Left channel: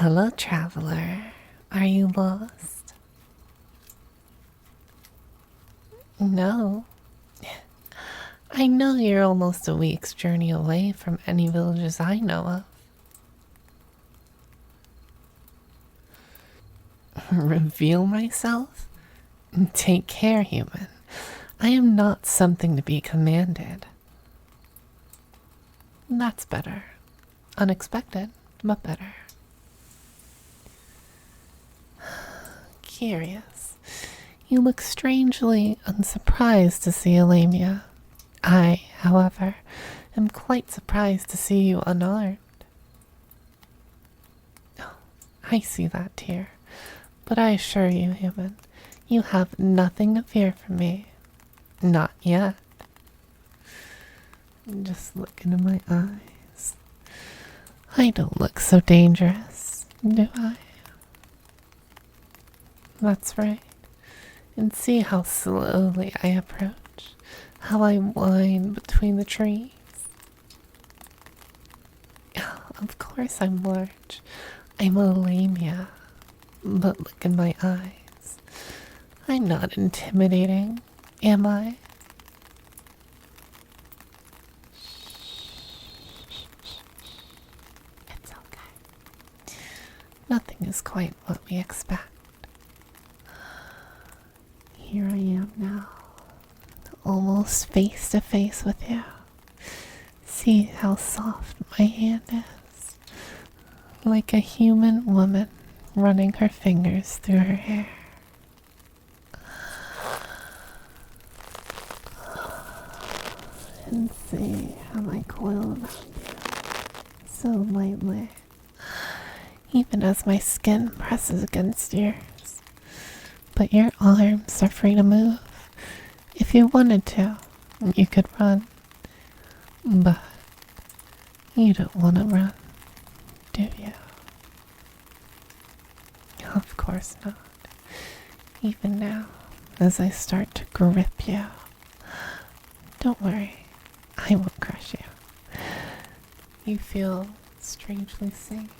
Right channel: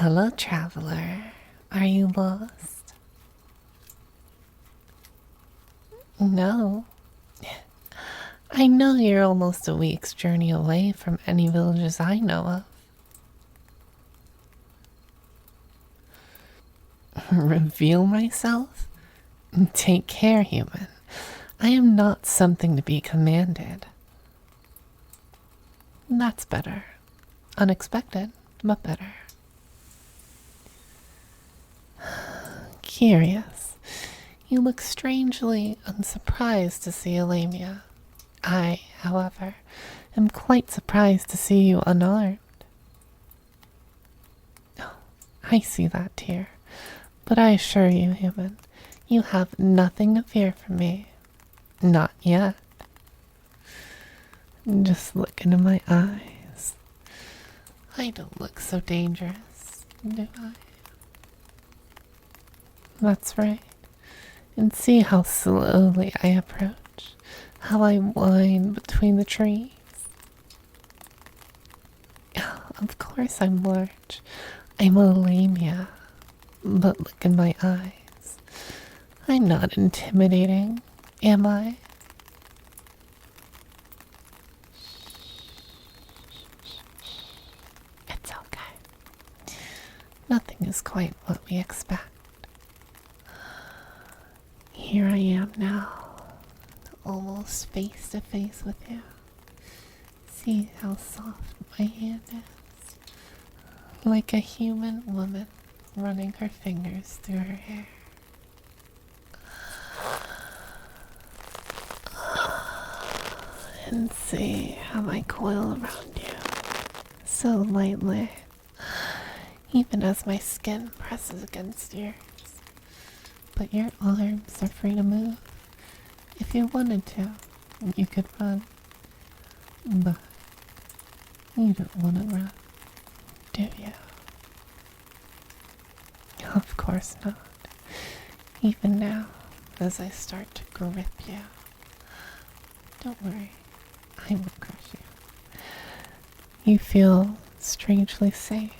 Hello, traveler. Are you lost? No. I know you're almost a week's journey away from any villages I know of. Reveal myself? Take care, human. I am not something to be commanded. That's better. Unexpected, but better. Curious. You look strangely unsurprised to see a Lamia. I, however, am quite surprised to see you unarmed. Oh, I see that tear, but I assure you, human, you have nothing to fear from me. Not yet. Just look into my eyes. I don't look so dangerous, do I? That's right. And see how slowly I approach, how I wind between the trees. Of course I'm large. I'm a Lamia. But look in my eyes. I'm not intimidating, am I? It's okay. Nothing is quite what we expect. Here I am now, almost face to face with you. See how soft my hand is, like a human woman running her fingers through her hair. And see how I coil around you so lightly, even as my skin presses against yours. But your arms are free to move. If you wanted to, you could run. But you don't want to run, do you? Of course not. Even now, as I start to grip you. Don't worry, I won't crush you. You feel strangely safe.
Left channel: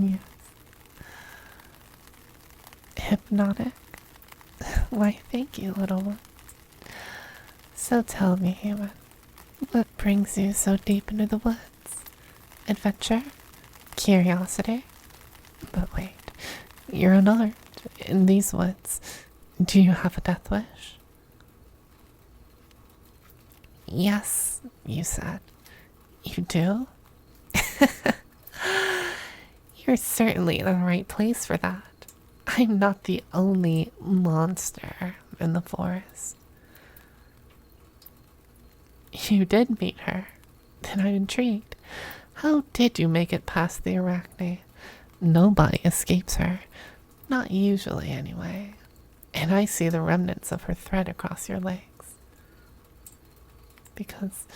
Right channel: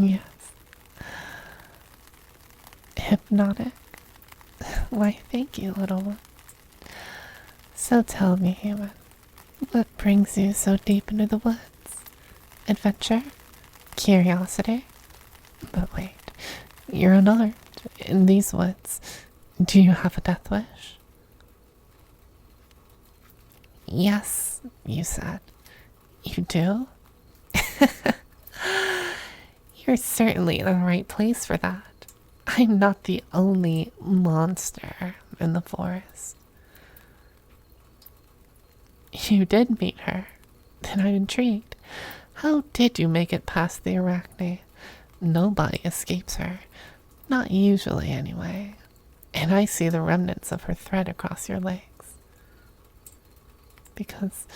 Yes. Hypnotic? Why, thank you, little one. So tell me, human, what brings you so deep into the woods? Adventure? Curiosity? But wait, you're unarmed in these woods. Do you have a death wish? Yes, you said. You do? You're certainly in the right place for that. I'm not the only monster in the forest. You did meet her. Then I'm intrigued. How did you make it past the arachne? Nobody escapes her. Not usually, anyway. And I see the remnants of her thread across your legs. Because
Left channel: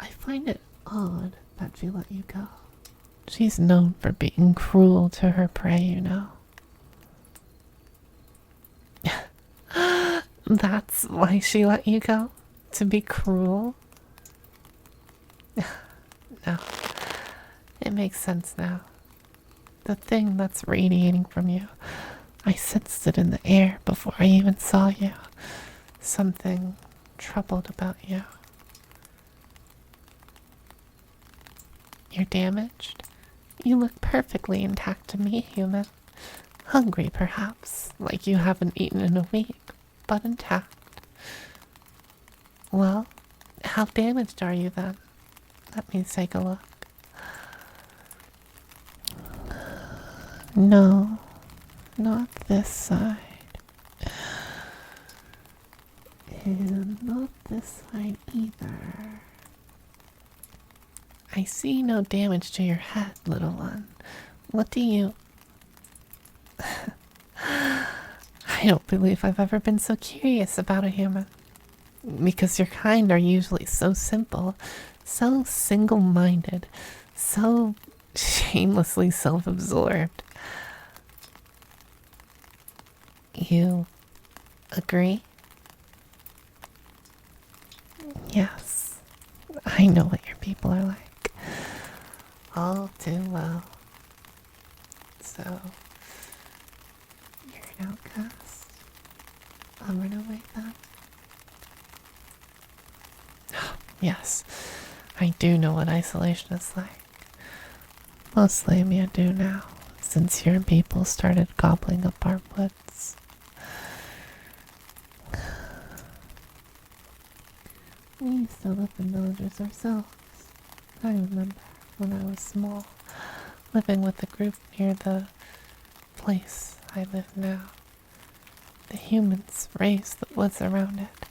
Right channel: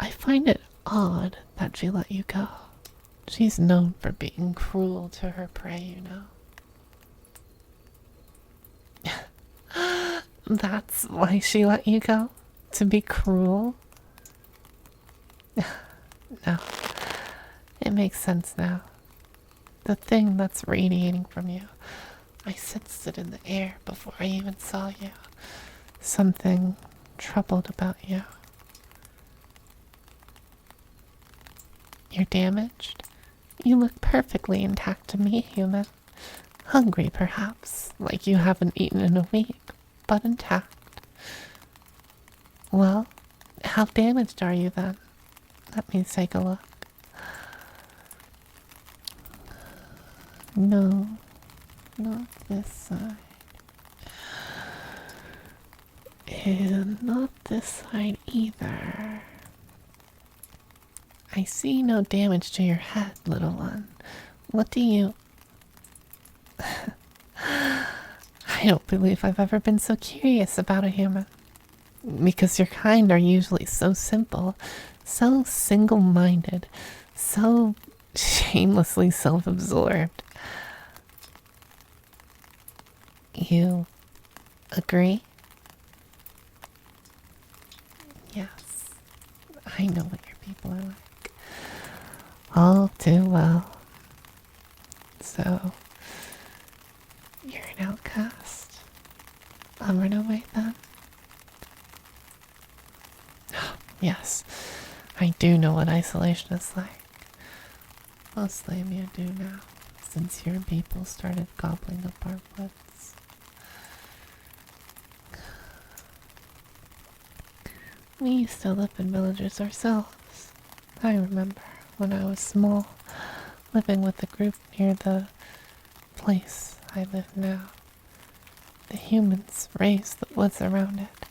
I find it odd that she let you go. She's known for being cruel to her prey, you know. That's why she let you go? To be cruel? No. It makes sense now. The thing that's radiating from you, I sensed it in the air before I even saw you. Something troubled about you. You're damaged? You look perfectly intact to me, human. Hungry, perhaps, like you haven't eaten in a week, but intact. Well, how damaged are you then? Let me take a look. No, not this side. And not this side either. I see no damage to your head, little one. What do you... I don't believe I've ever been so curious about a human. Because your kind are usually so simple, so single-minded, so shamelessly self-absorbed. You agree? Yes, I know what your people are like. all too well. So, you're an outcast. A runaway then? Yes, I do know what isolation is like. Most Lamia do now, since your people started gobbling up our woods. We used to live in villages ourselves. I remember when I was small, living with a group near the place I live now. The humans raised the woods around it.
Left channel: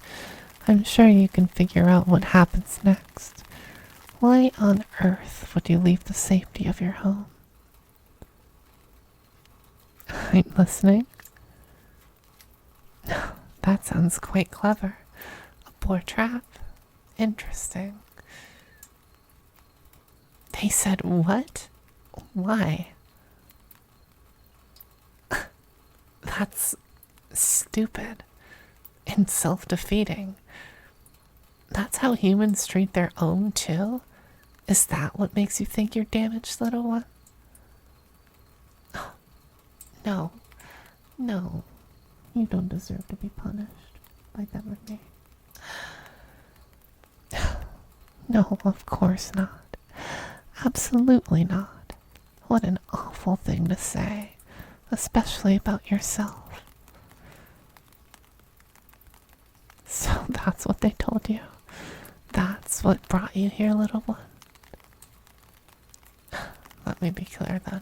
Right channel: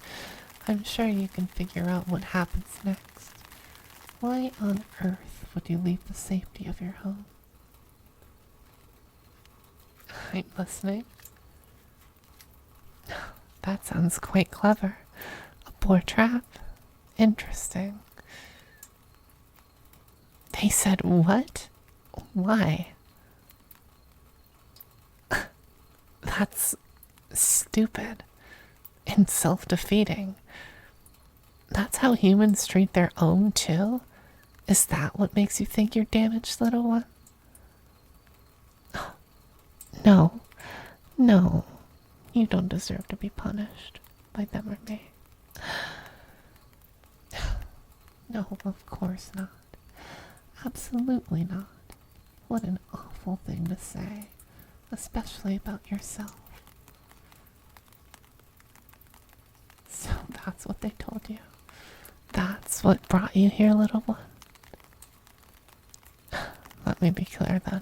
I'm sure you can figure out what happens next. Why on earth would you leave the safety of your home? I'm listening. That sounds quite clever. A boar trap? Interesting. They said what? Why? That's stupid and self-defeating. That's how humans treat their own too? Is that what makes you think you're damaged, little one? No. No. You don't deserve to be punished by them or me. No, of course not. Absolutely not. What an awful thing to say, especially about yourself. So that's what they told you. That's what brought you here, little one. Let me be clear then.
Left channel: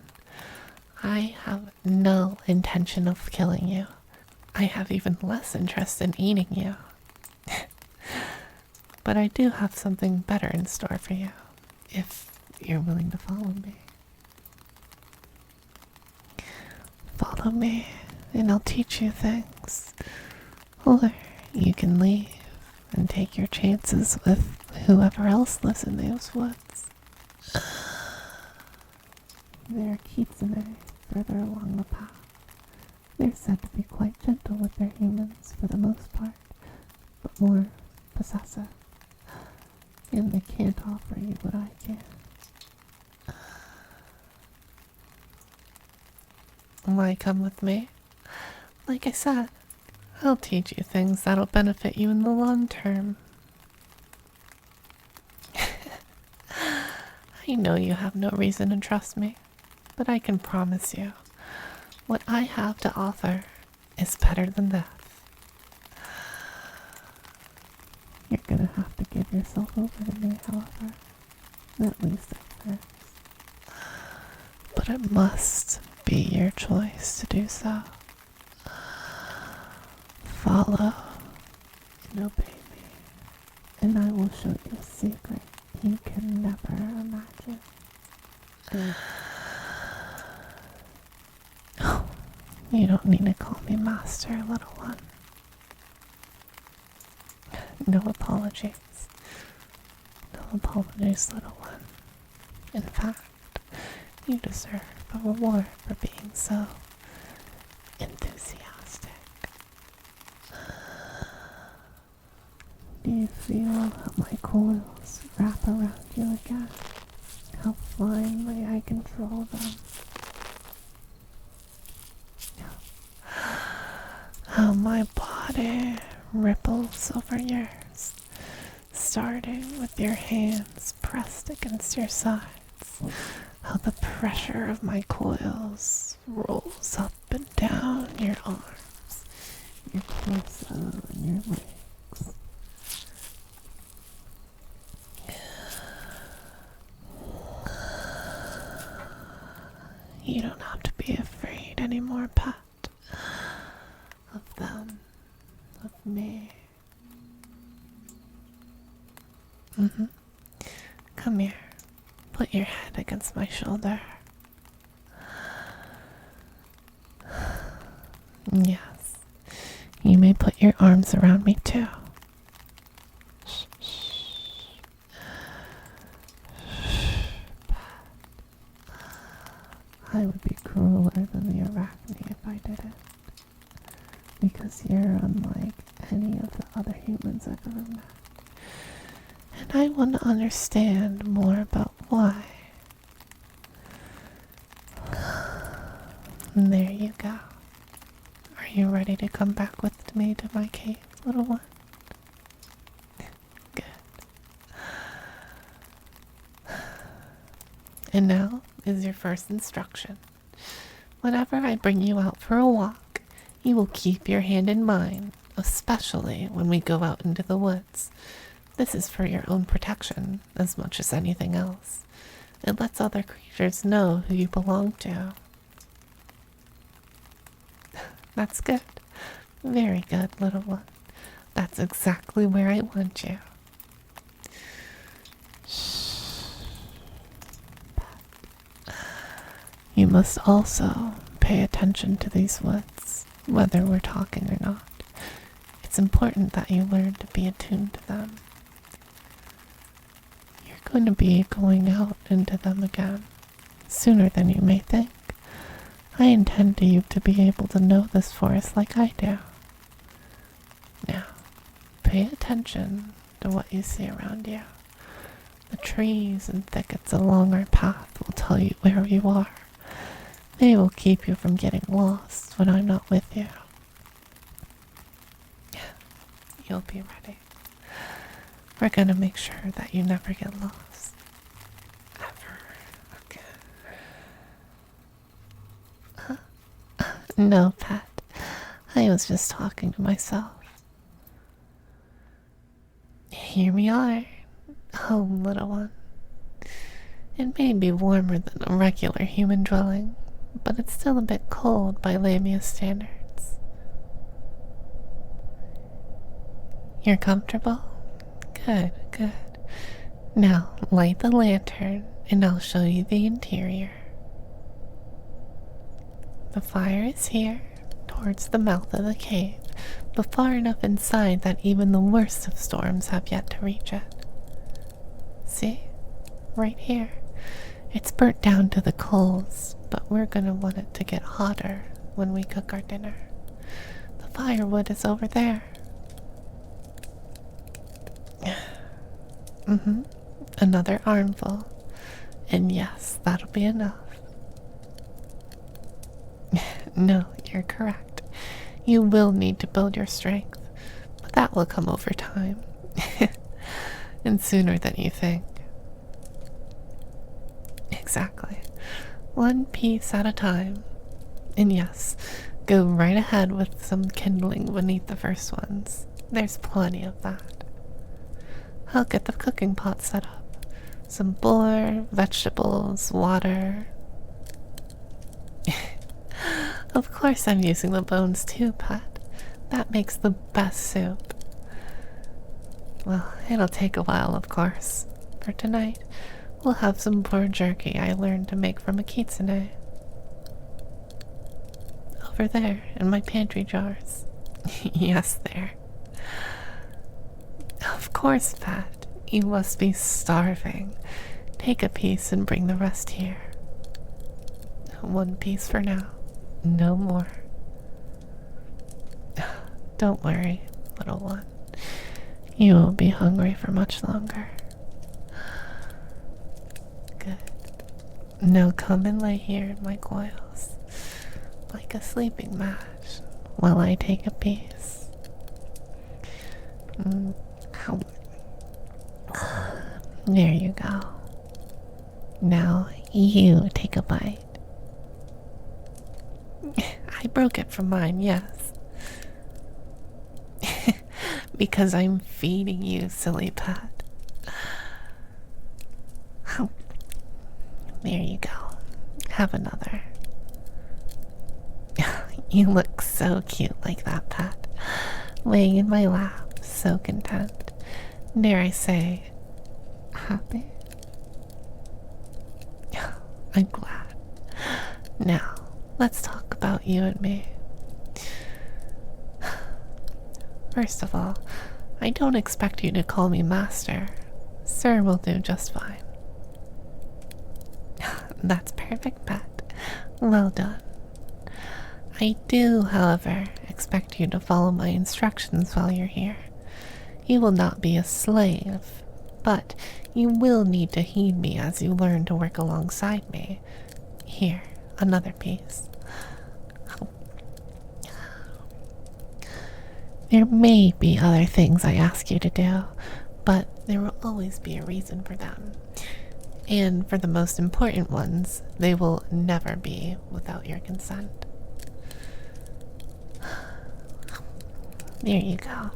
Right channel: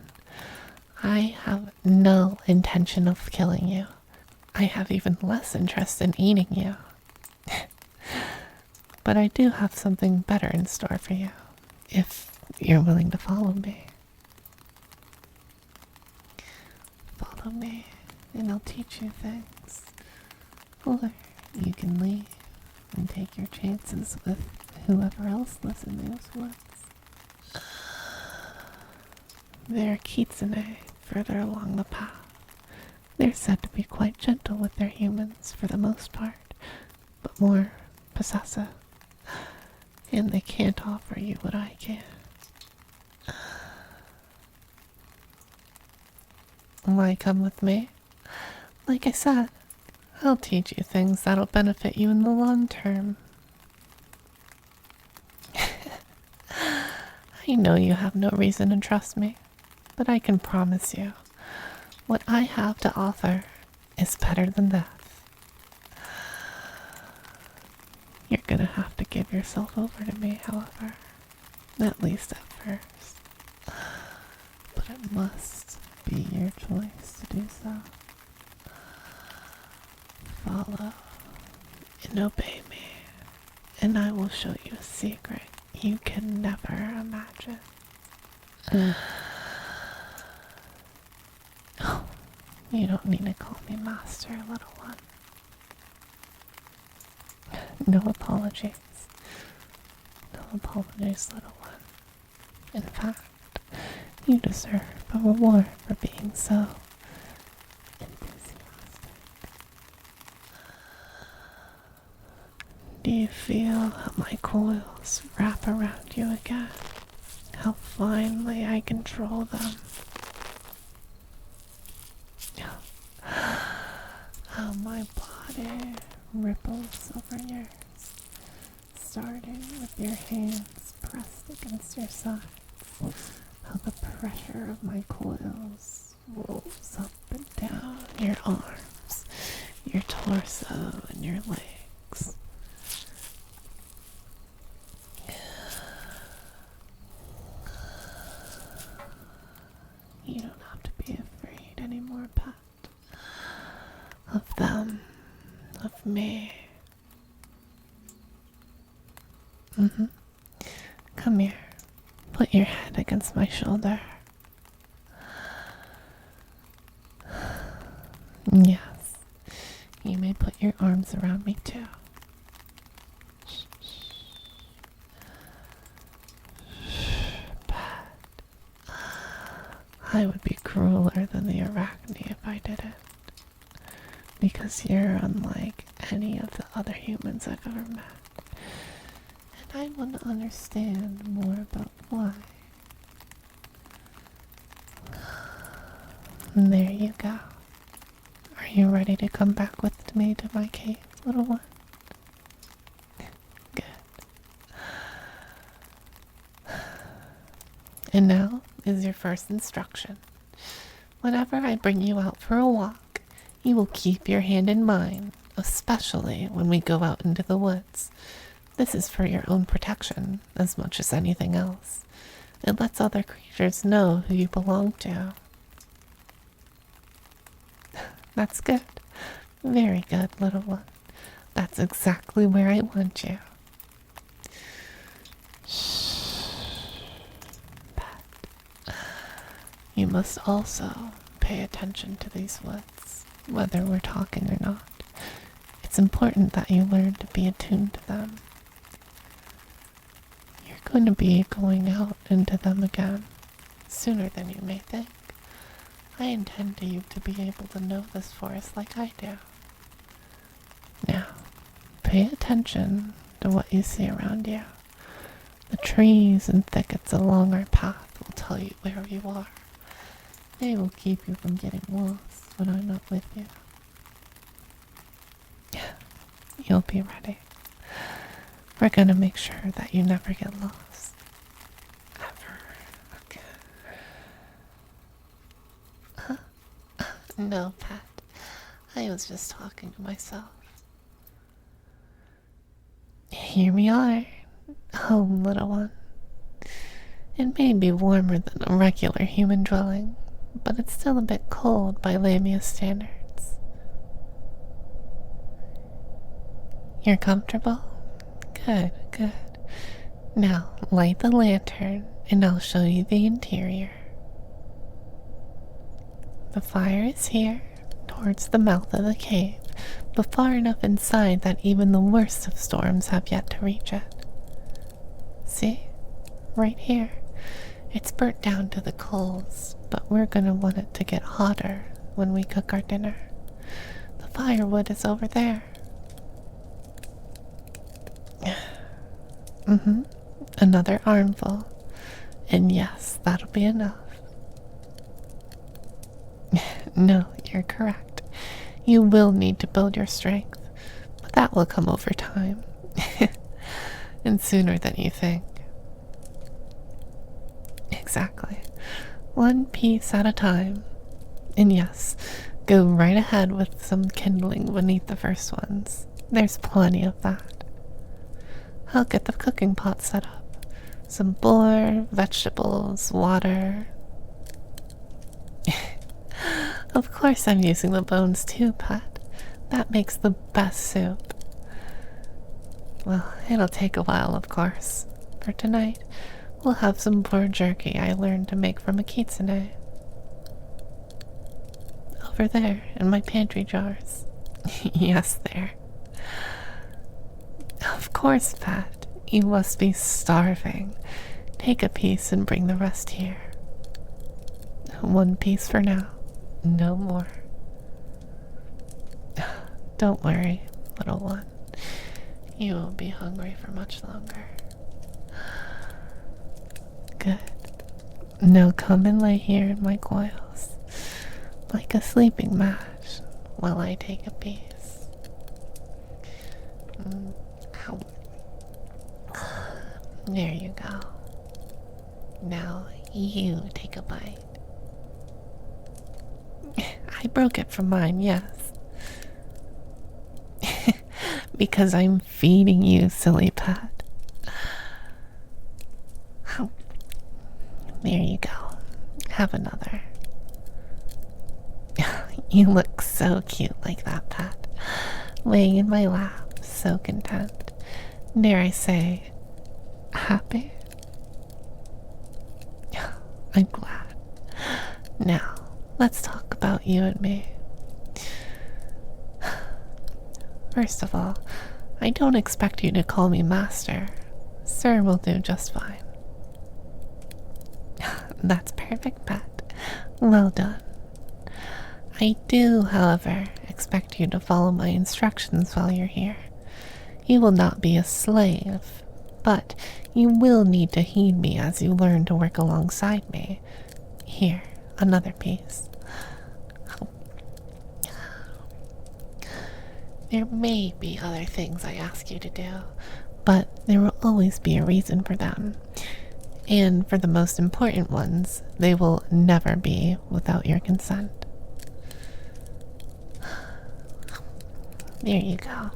I have no intention of killing you. I have even less interest in eating you. But I do have something better in store for you, if you're willing to follow me. Follow me, and I'll teach you things. Or you can leave and take your chances with whoever else lives in those woods. There are kitsune further along the path. They're said to be quite gentle with their humans for the most part, but more possessive. And they can't offer you what I can. Why come with me? Like I said, I'll teach you things that'll benefit you in the long term. I know you have no reason to trust me, but I can promise you, what I have to offer is better than death. You're gonna have to give yourself over to me, however, at least at first. But it must be your choice to do so. Follow and obey me, and I will show you a secret you can never imagine. You don't need to call me master, little one. No apologies. No apologies, little one. In fact, you deserve a reward for being so enthusiastic. Do you feel how my coils wrap around you again? How finely I control them? How my body ripples over yours, starting with your hands pressed against your sides. How the pressure of my coils rolls up and down your arms, your torso, and your legs. You don't have to be afraid anymore, pet. Of them, of me. Come here. Put your head against my shoulder. Yes, you may put your arms around me too. I would be crueler than the Arachne if I did it. Because you're unlike any of the other humans I've ever met. And I want to understand more about why. And there you go. Are you ready to come back with me to my cave, little one? Good. And now is your first instruction. Whenever I bring you out for a walk, you will keep your hand in mine, especially when we go out into the woods. This is for your own protection as much as anything else. It lets other creatures know who you belong to. That's good. Very good, little one. That's exactly where I want you. Shh. You must also pay attention to these woods, whether we're talking or not. It's important that you learn to be attuned to them. You're going to be going out into them again, sooner than you may think. I intend you to be able to know this forest like I do. Now, pay attention to what you see around you. The trees and thickets along our path will tell you where you are. They will keep you from getting lost when I'm not with you. You'll be ready. We're gonna make sure that you never get lost. Ever again. No, Pat. I was just talking to myself. Here we are. Home, little one. It may be warmer than a regular human dwelling, but it's still a bit cold by Lamia standards. You're comfortable? Good, good. Now, light the lantern, and I'll show you the interior. The fire is here, towards the mouth of the cave, but far enough inside that even the worst of storms have yet to reach it. See? Right here. It's burnt down to the coals, but we're gonna want it to get hotter when we cook our dinner. The firewood is over there. Another armful. And yes, that'll be enough. No, you're correct. You will need to build your strength, but that will come over time. And sooner than you think. Exactly. One piece at a time. And yes, go right ahead with some kindling beneath the first ones. There's plenty of that. I'll get the cooking pot set up. Some boar, vegetables, water. Of course I'm using the bones too, Pat. That makes the best soup. Well, it'll take a while, of course. For tonight, we'll have some boar jerky I learned to make from a kitsune. Over there, in my pantry jars. Yes, there. Of course, Pat. You must be starving. Take a piece and bring the rest here. One piece for now. No more. Don't worry, little one. You won't be hungry for much longer. Good. Now come and lay here in my coils, like a sleeping mat, while I take a piece. There you go. Now you take a bite. I broke it from mine, yes. Because I'm feeding you, silly Pat. There you go. Have another. You look so cute like that, Pat. Laying in my lap, so content. Dare I say, happy? I'm glad. Now, let's talk about you and me. First of all, I don't expect you to call me master. Sir will do just fine. That's perfect, Pat. Well done. I do, however, expect you to follow my instructions while you're here. You will not be a slave, but you will need to heed me as you learn to work alongside me. Here, another piece. There may be other things I ask you to do, but there will always be a reason for them. And for the most important ones, they will never be without your consent. There you go.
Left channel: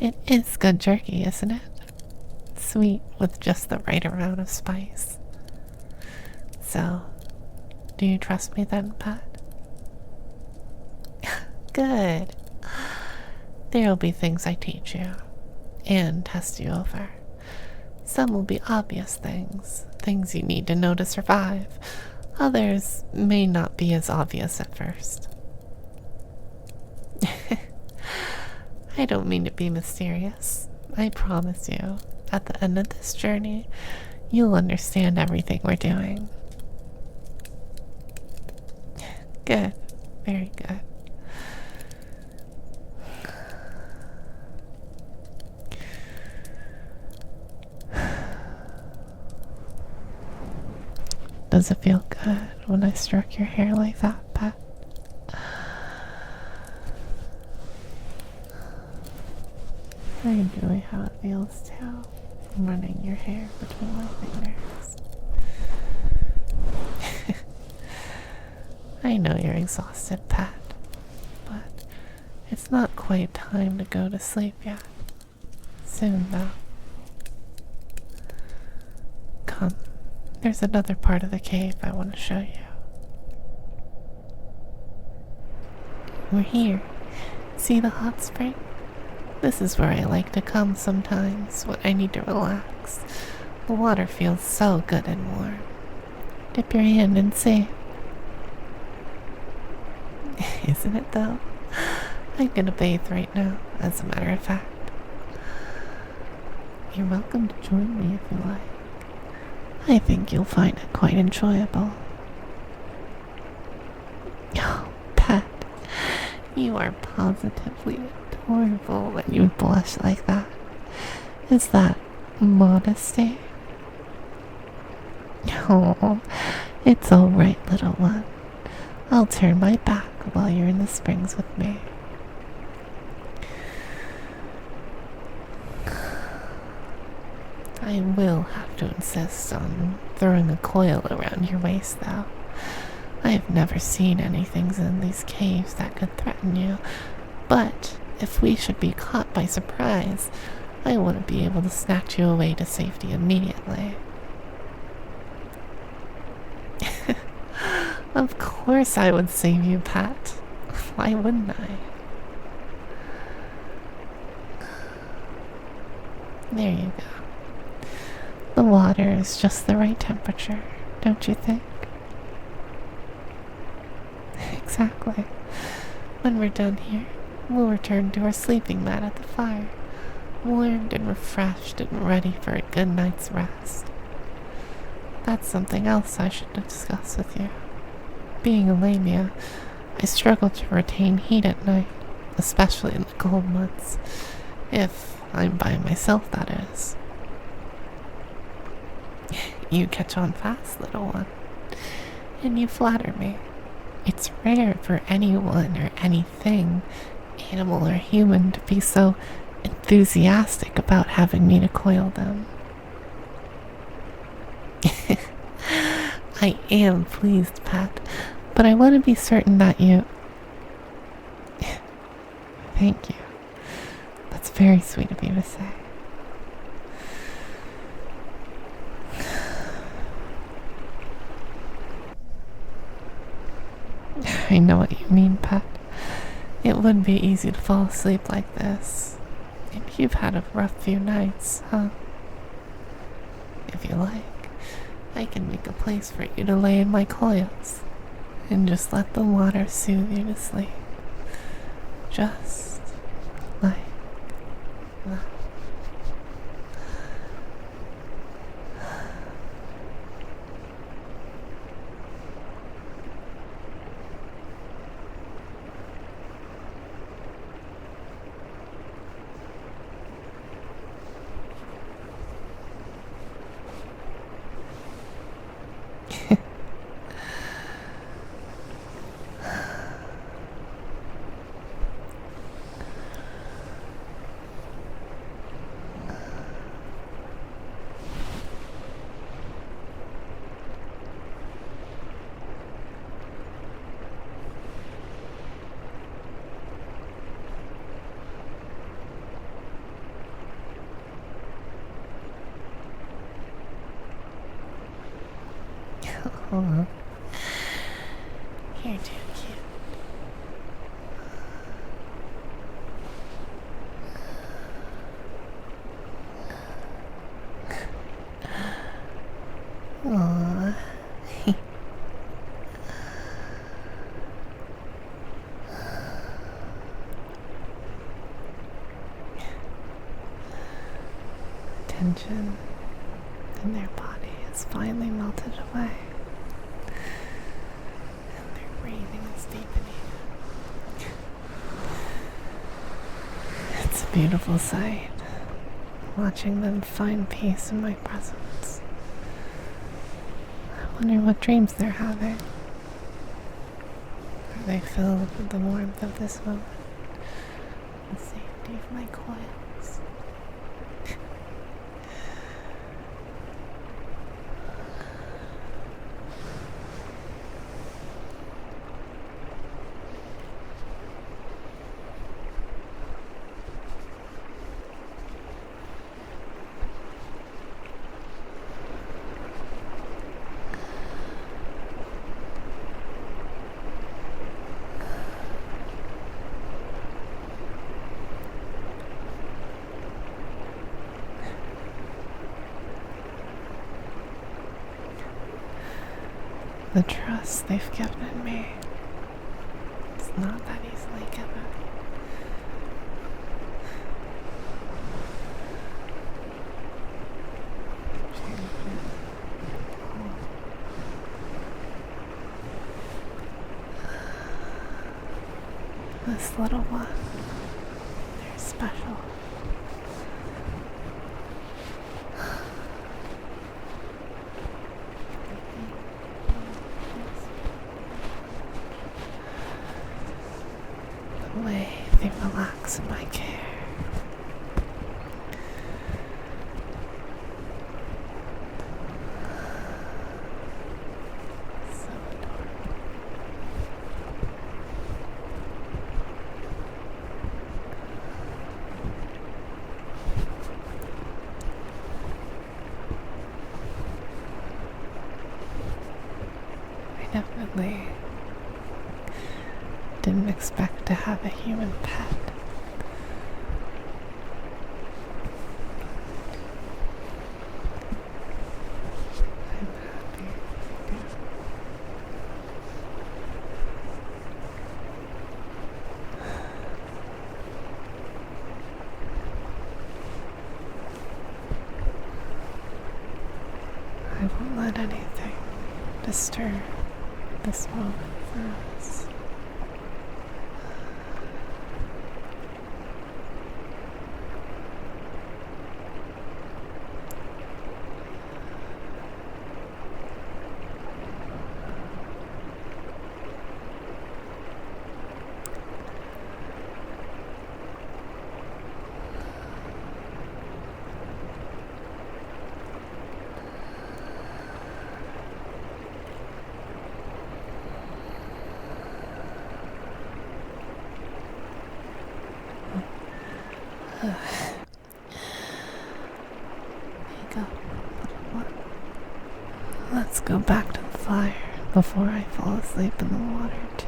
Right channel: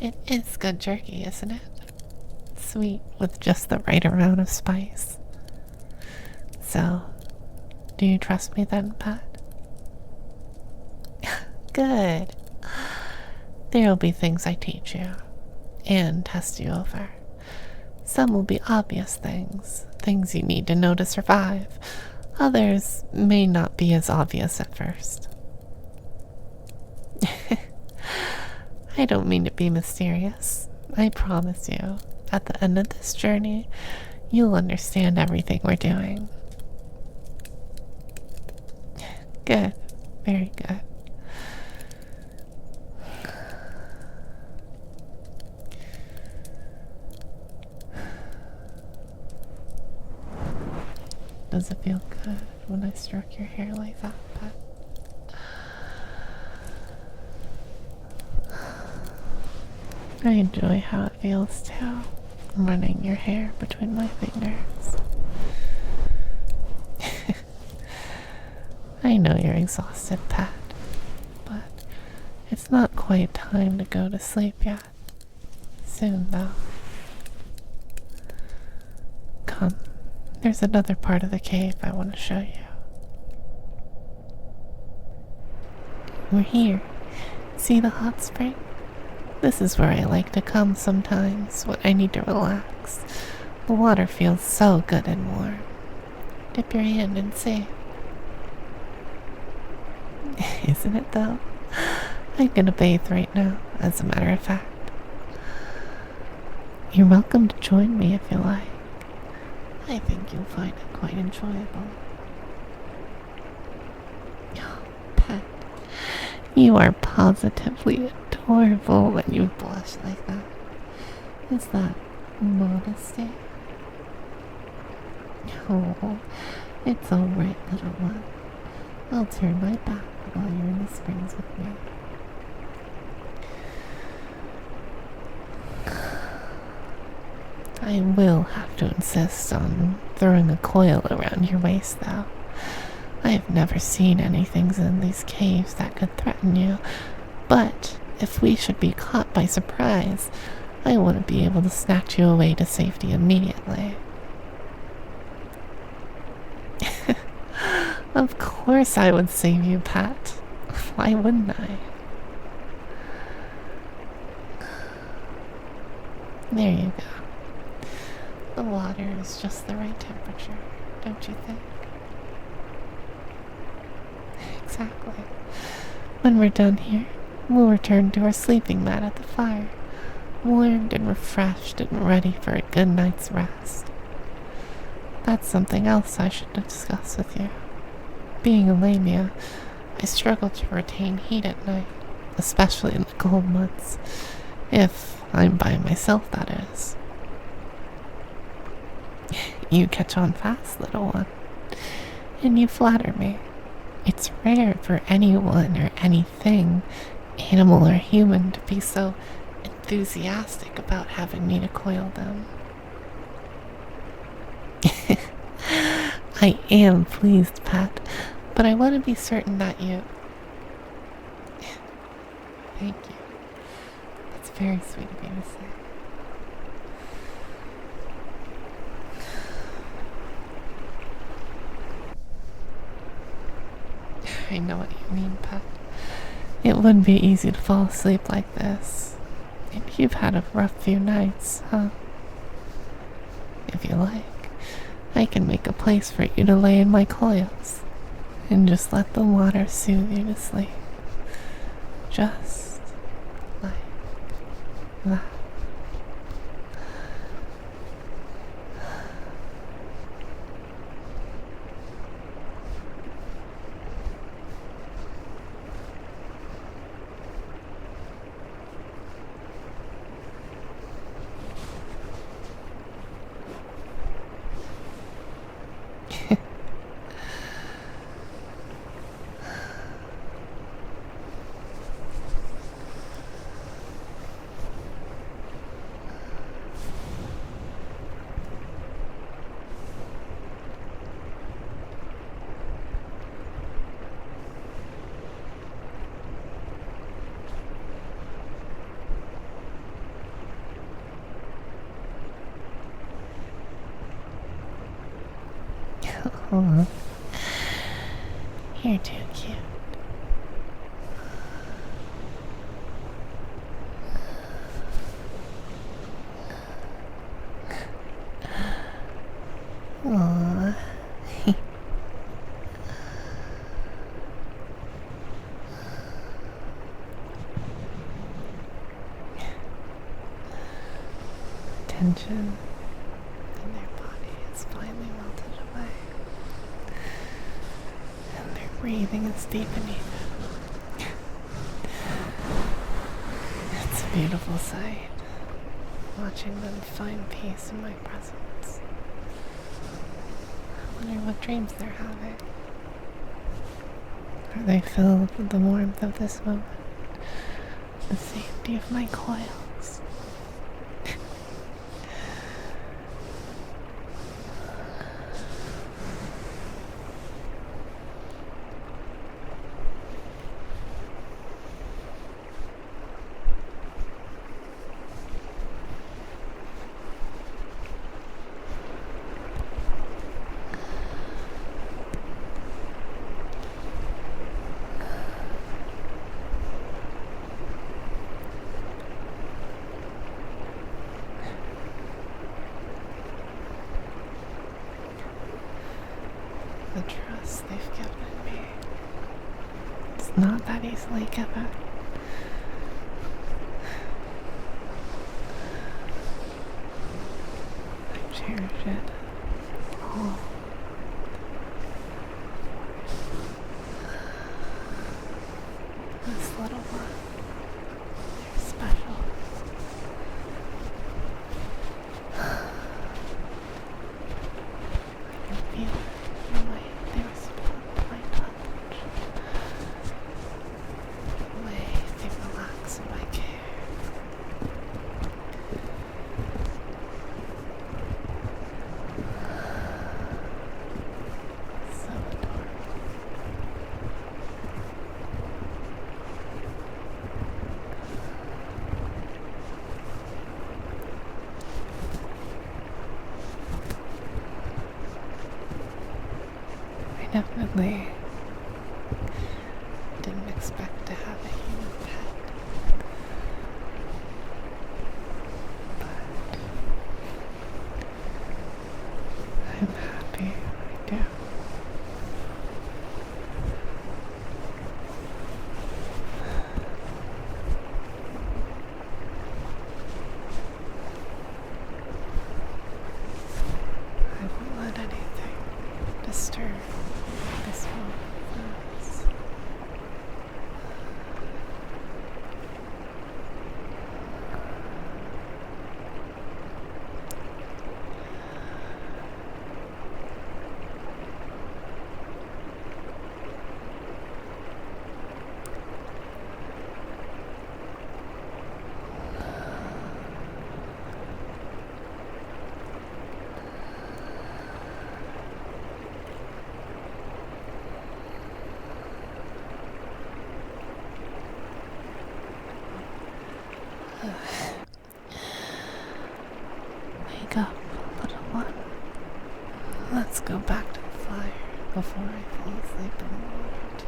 It is good jerky, isn't it? Sweet with just the right amount of spice. So, do you trust me then, pet? Good. There'll be things I teach you and test you over. Some will be obvious things, things you need to know to survive. Others may not be as obvious at first. I don't mean to be mysterious. I promise you, at the end of this journey, you'll understand everything we're doing. Good. Very good. Does it feel good when I stroke your hair like that, pet? I enjoy how it feels too, running your hair between my fingers. I know you're exhausted, pet, but it's not quite time to go to sleep yet. Soon, though. Come, there's another part of the cave I want to show you. We're here. See the hot spring? This is where I like to come sometimes when I need to relax. The water feels so good and warm. Dip your hand and see. Isn't it though? I'm gonna bathe right now, as a matter of fact. You're welcome to join me if you like. I think you'll find it quite enjoyable. Oh, pet, you are positively adorable when you blush like that. Is that modesty? Oh, it's alright, little one. I'll turn my back while you're in the springs with me. I will have to insist on throwing a coil around your waist, though. I have never seen anything in these caves that could threaten you, but if we should be caught by surprise, I want to be able to snatch you away to safety immediately. Of course I would save you, Pat. Why wouldn't I? There you go. The water is just the right temperature, don't you think? Exactly. When we're done here, we'll return to our sleeping mat at the fire, warmed and refreshed and ready for a good night's rest. That's something else I should discuss with you. Being a Lamia, I struggle to retain heat at night, especially in the cold months. If I'm by myself, that is. You catch on fast, little one, and you flatter me. It's rare for anyone or anything, animal or human, to be so enthusiastic about having me to coil them. I am pleased, Pat, but I want to be certain that you... Thank you. That's very sweet of you to say. I know what you mean, Pat. It wouldn't be easy to fall asleep like this. And you've had a rough few nights, huh? If you like, I can make a place for you to lay in my coils and just let the water soothe you to sleep. Just like that. Aw. You're too cute. Aww. Tension in their body is finally melted away, and their breathing is deepening. It's a beautiful sight, watching them find peace in my presence. I wonder what dreams they're having. Are they filled with the warmth of this moment, the safety of my coils? The trust they've given in me, it's not that easily given. I cherish it all. This little one, they're special. The way they relax in my care. So adorable. I definitely didn't expect to have a human pet. But I'm happy I do. I won't let anything disturb this moment for us. Wake up, little one. Let's go back to the fire before I fall asleep in the water, too.